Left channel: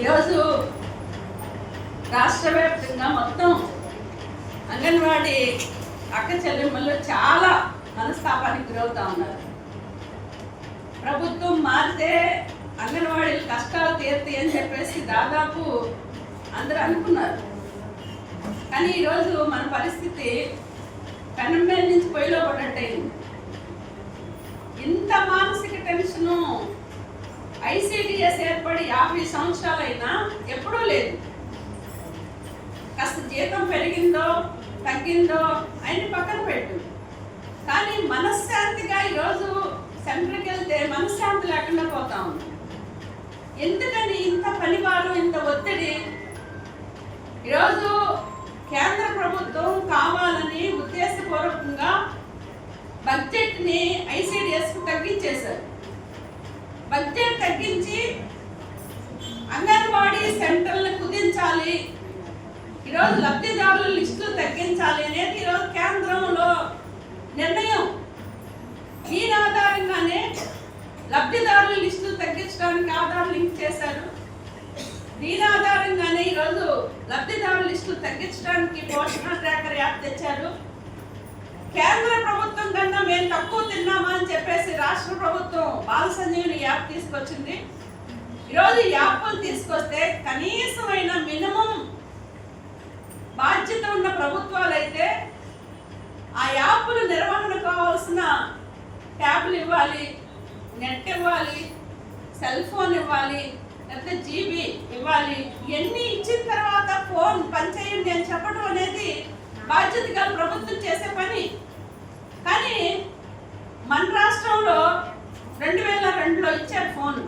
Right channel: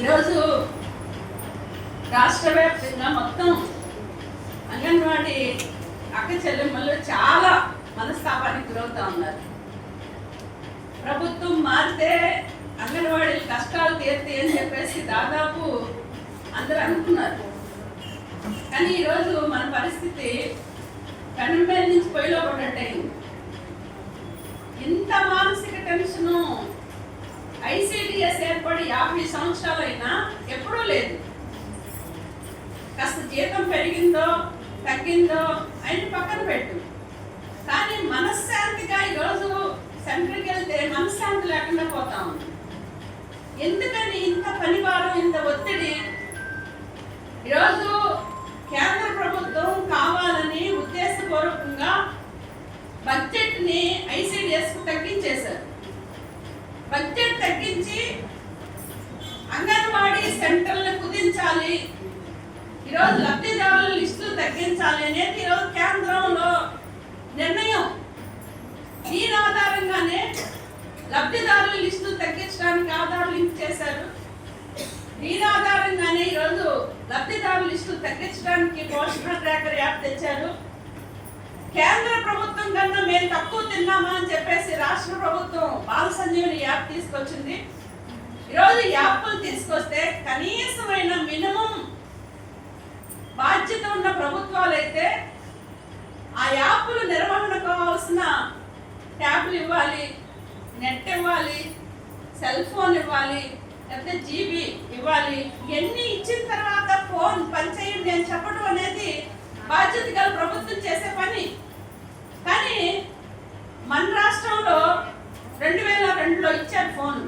ఈరోజు రాష్ట్ర వ్యాప్తంగా మొత్తం అంగన్వాడీ అక్క చెల్లెమ్మలు చాలా మనస్తాపానికి గురవుతా ఉన్నారు. ప్రభుత్వం మారితే అంగన్వాడీలు కష్టాలు తీరుతాయి అని చెప్పేసి దాదాపు అందరూ అనుకున్నారు. కానీ ఈరోజు మన పరిస్థితి కన్నం మీద నుంచి పొయ్యిలో పడ్డట్టయింది. ఇంత మానసిక టెన్షను ఐసీడీఎస్ ఏర్పడి 50 సంవత్సరాలైనా ఎప్పుడూ లేదు. కాస్త జీతం పెరిగిందో తగ్గిందో ఆయన పక్కన పెట్టు, కానీ మనశ్శాంతిగా ఈరోజు సెంటర్కి వెళ్తే మనశ్శాంతి లేకుండా పోతా ఉంది. ఎందుకని ఇంత పనివారు, ఇంత ఒత్తిడి? ఈరోజు కేంద్ర ప్రభుత్వం కావాలని ఉద్దేశపూర్వకంగా బడ్జెట్ని ఐసీడీఎస్కు తగ్గించేశారు. బడ్జెట్ తగ్గించి అంగన్వాడీ సెంటర్లను కుదించాలి, ఈరోజు లబ్ధిదారుల లిస్టులు తగ్గించాలి అనేది ఈరోజు కేంద్రంలో నిర్ణయం. దీని ఆధారంగానే లబ్ధిదారుల లిస్టులు తగ్గించడానికి ఆధార్ లింక్ చేశారు. దీని ఆధారంగానే ఈరోజు లబ్ధిదారుల లిస్టులు తగ్గించడానికి పోషణ ట్రాకర్ యాప్ తెచ్చారు. కేంద్ర ప్రభుత్వం కన్నా మేము తక్కువ తిన్నామా అని చెప్పేసి రాష్ట్ర ప్రభుత్వం బాల సంజీవని యాప్ తీసుకొచ్చింది. ఈరోజు యాప్లు తీసుకొస్తే కనీసమైన మినిమం బాధ్యత ఉన్న ప్రభుత్వాలు అయితే ఆ యాప్లు నిర్వహణ కావాల్సిన ట్యాబ్లు ఇవ్వాలి, నెట్ ఇవ్వాలి, సెల్ ఫోన్ ఇవ్వాలి, లేకపోతే జీబీ ఇవ్వాలి. ఇవన్నీ ఇచ్చిన తర్వాత ఫోన్ పనిచేయండి అని చెప్పడం అనేది బాధ్యత గల ప్రభుత్వం చేసే పని. కానీ మన రాష్ట్రంలో 2002లో ఇచ్చారు ఫోన్.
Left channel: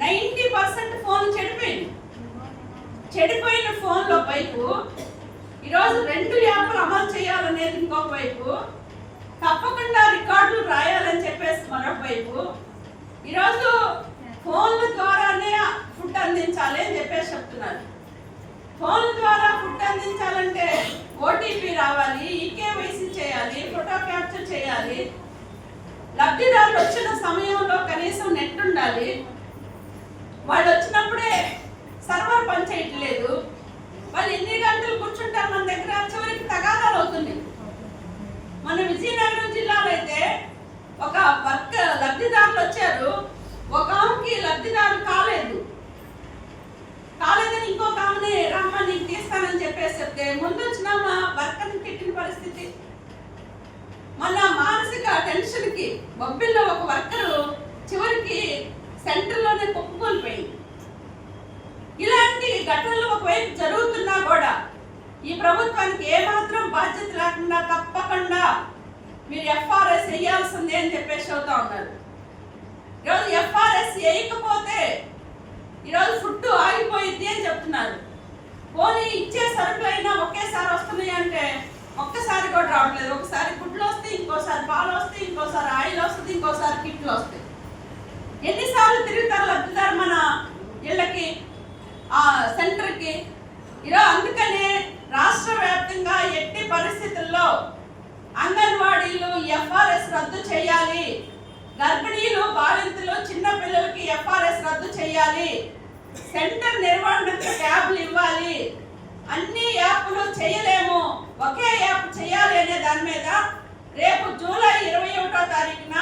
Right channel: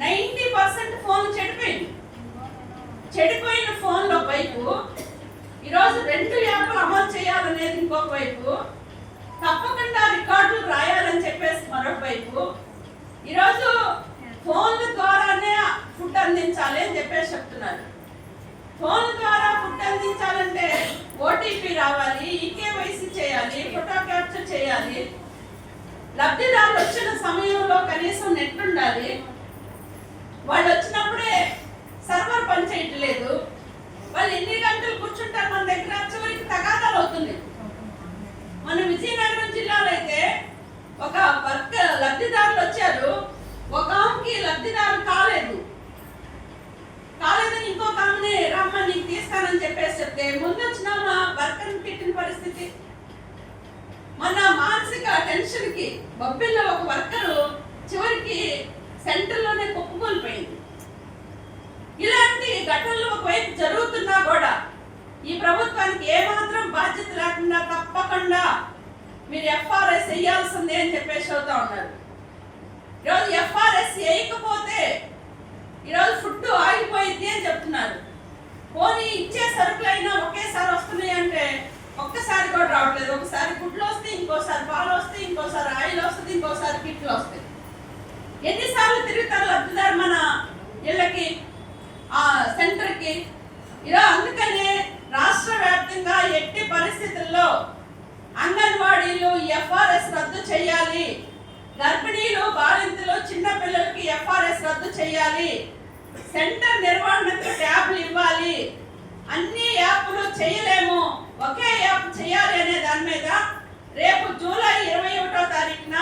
90% ఫోన్ చెడిపోయింది. చెడిపోయిన ఫోన్లో వైపు ఈరోజు 2 యాప్లు అమలు చేయాలనేది ఇంకొక వైపు, తప్పకుండా రికార్డులు రాయాలని చెప్పేసి మరొక వైపు, ఈరోజు ఫోన్ల ద్వారానే ఫుడ్ అందించాలి అని చెప్పేసి చెప్తున్నారు. ఫోన్ ద్వారా ఫుడ్ అందించాలంటే ఓటీపీ రావాలి, ఈకేవైసీ చేయాలి, ఫోటో క్యాప్చర్ చేయాలి, లబ్ధిదారులు వచ్చిన సమయంలో కనీసం నెట్ ఉండాలి. వాళ్ళు వచ్చినప్పుడే సర్వర్ పనిచేయట్లేదు. వాళ్ళు ఎన్ని గంటలు కూర్చుంటారు మన దగ్గర, చివరికి తగాదాలు అవుతుంది. మన విజయనగరం జిల్లాలో అయితే ఒక లబ్ధిదారులు వచ్చారు, ఒక ఆమెకి లబ్ధిదారు కాలేదని ఇంకొక ఆమెని రమ్మని నీకు తీస్తానని చెప్పేసి చెప్తే ముందు వచ్చిన వర్కర్ని తిట్టిన పరిస్థితి. మన మానసిక టెన్షన్కి బొబ్బిల్లో ఒక వర్కరు చివరికి సెంటర్లోనే కుప్పకూలిపోయింది. ఇలాంటి ఘటనలు ఒకవైపు జరుగుతున్నా కూడా ఈ ప్రభుత్వానికి ఏమాత్రం బాధ్యత లేకుండా తప్పకుండా మీరు ఎఫ్ఆర్ఎస్ వేయాల్సిందే అని చెప్పేసి అవుతా ఉన్నారు. ఈరోజు ఎఫ్ఆర్ఎస్ వేయకపోతే ఈరోజు ఫుడ్ ఆగిపోయింది అని చెప్తున్నారు. పోనీ ఇచ్చే సరుకులైనా ఒకేసారి వస్తున్నాయి అంటే ఒక్కసారి కూడా రావట్లేదు. ఒకసారి గుడ్లు వస్తాయి, ఇంకోసారి పాలు వస్తాయి, ఇంకోసారి ఆయిల్ వస్తుంది, ఇంకోసారి కిట్లు వస్తాయి. ఎన్నిసార్లు తిరుగుతారు లబ్ధిదారు మన ఇళ్ళకి, ఆ సెంటర్కి? ఈరోజు అందుకనే రాష్ట్ర వ్యాప్తంగా ఎట్టి పరిస్థితుల్లో అంగన్వాడీలు ఎఫ్ఆర్ఎస్ రద్దు చేయాలి. గర్భిణీలు, బాలింతలు, చిన్న పిల్లలకి ఎఫ్ఆర్ఎస్ రద్దు చేయాలి. సెంటర్ నిర్వహణకు ట్యాబ్లు ఇవ్వాలి. అన్ని యాప్లు చేయలేము, ఒకే యాప్ చేయాలి అనే దాని మీద రేపు జూలై 21వ తారీఖున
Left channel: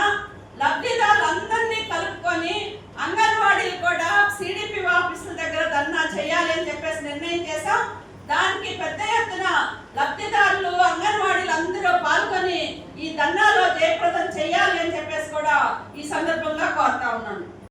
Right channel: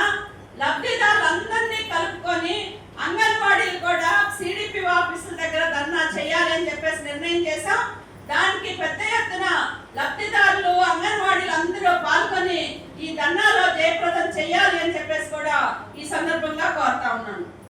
లబ్ధిదారులందరినీ కలుపుకొని అంగన్వాడీలు కూడా సిడిపి ఆఫీసుల దగ్గర ధర్నా చేయాలి అని చెప్పేసి నిర్ణయం చేశాం. దానికి పెద్ద ఎత్తున లబ్ధిదారులు, అంగన్వాడీలు అందరూ పాల్గొని ఈ ధర్నాలో జయప్రదం చేయాలి అని చెప్పేసి కూడా ఈ సందర్భంగా కోరుతా ఉన్నాను.